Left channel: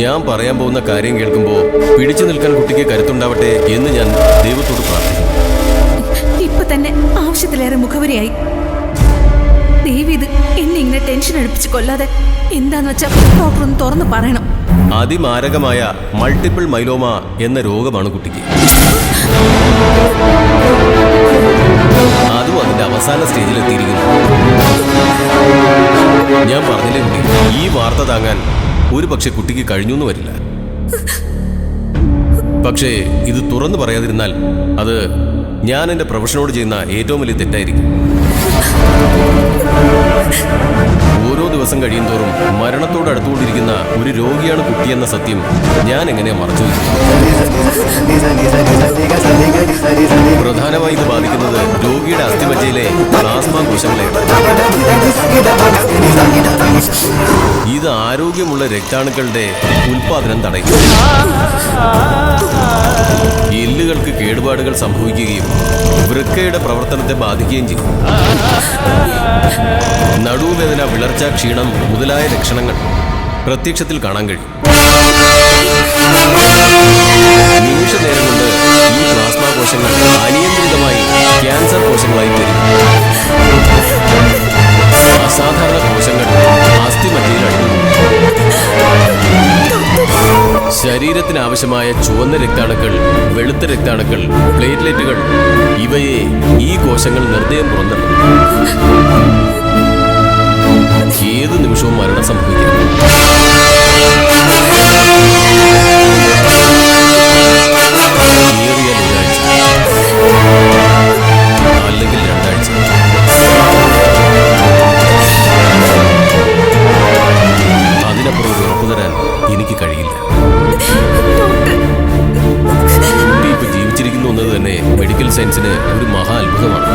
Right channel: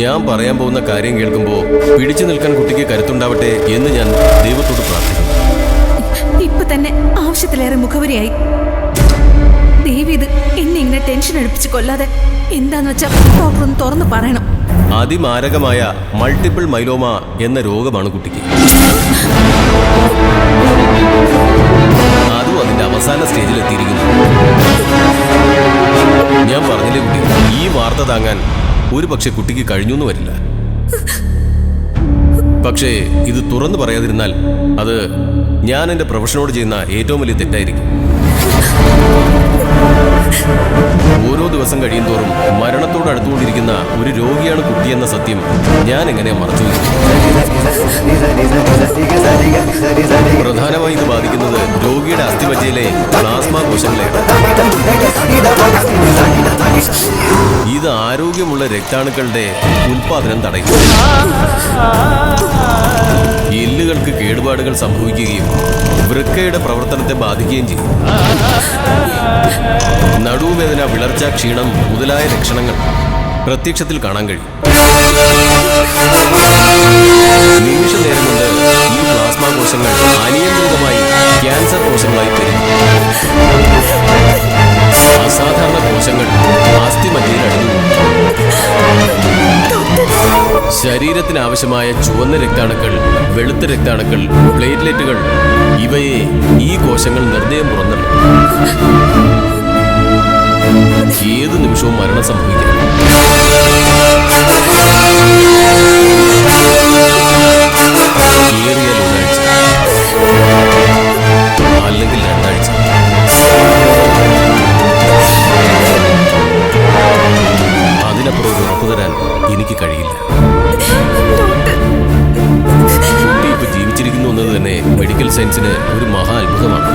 ഞാൻ പറയാൻ പോകുന്ന കാര്യം കേൾക്കുമ്പോൾ പിടിച്ചു നിൽക്കാൻ കുട്ടിക്ക് കരുത്തുണ്ടാവട്ടെ എന്ന് ഞാൻ ദൈവത്തോട് പ്രാർത്ഥിക്കുന്നു. ഇപ്പൊ തന്നെ ആവശ്യത്തിലേറെ മുഖവരിയായി. ദേവി ഇത് എന്നെ ഇങ്ങനെ ടെൻഷൻ അടുപ്പിച്ച് കൊല്ലാതെ എന്താന്ന് വെച്ചാ ഡോക്ടർ ഒന്ന് തുറന്നു പറയണം. അതിമാരകമായ മൾട്ടിപ്പിൾ മൈലോമ എന്ന രോഗമാണ് കുട്ടിക്ക്. അതും അതിന്റെ അവസാന സ്റ്റേജിൽ എത്തിയിരിക്കുന്നു. ഞാൻ പറഞ്ഞില്ലേ കുട്ടി, ഈ വാർത്ത താങ്ങാൻ ഒരു പക്ഷെ കുട്ടിക്ക് കഴിഞ്ഞൊന്നും വരില്ല. പക്ഷേ ഇത് തുറന്നു പറയാതിരുന്നാൽ അത് ഞാൻ എൻ്റെ പ്രൊഫഷനോട് ചെയ്യുന്ന ഏറ്റവും വലിയ തെറ്റായിരിക്കും. ഓരോ ദിവസം കഴിയും തോറും മരണത്തോട് അടുത്തുകൊണ്ടിരിക്കുന്ന ഒരു രോഗിയാണ് കുട്ടിയെന്ന സത്യം ഞാൻ എങ്ങനെ മറച്ചു വയ്ക്കും? പ്രധാനമായി ഇത് ബാധിക്കുന്നത് രോഗിയുടെ അസ്ഥിമജ്ജയിലെ പ്ലാസ്മ കോശങ്ങളെയാണ്. ഇത് ആരോഗ്യമുള്ള രക്താണുക്കളുടെ ഉൽപാദനം തടയും. എല്ലുകൾക്ക് കേടുപാടുകൾ സംഭവിക്കുകയും വൃക്കയുടെ പ്രവർത്തനത്തെ ബാധിക്കുകയും ചെയ്യും. നടുവേദന, വിളർച്ച, ക്ഷീണം മുതലായ ലക്ഷണങ്ങൾ പ്രത്യക്ഷത്തിൽ കാണാൻ കഴിയും. നിമിഷ നേരം കൊണ്ട് ഈ പ്ലാസ്മ കോശങ്ങൾ അനിയന്ത്രിതമായി ക്യാൻസർ കോശങ്ങളായി പെരുകും. അസാധാരണ കോശങ്ങൾ അസ്ഥിമജ്ജയിൽ അടിഞ്ഞു. ശരീരത്തിന് ആവശ്യമായ ചുവന്ന രക്താണുക്കൾ, വെളുത്ത രക്താണുക്കൾ, പ്ലേറ്റ്ലെറ്റുകൾ ഇവയെ ഈ കോശങ്ങൾ നിർദ്ദയം പുറന്തള്ളും. ഏത് നിമിഷവും മരണം സംഭവിക്കാം. ഏറിയാൽ ഒരാഴ്ച, അല്ലെങ്കിൽ 2 ആഴ്ച. അതിനപ്പുറം ഒരു ഉറപ്പു തരാൻ എനിക്ക് കഴിയില്ല. കുട്ടി ഇപ്പൊ ജീവിച്ചിരിക്കുന്നു എന്നത് തന്നെ മെഡിക്കൽ സയൻസിന് ഒരു മഹാ അത്ഭുതമാണ്.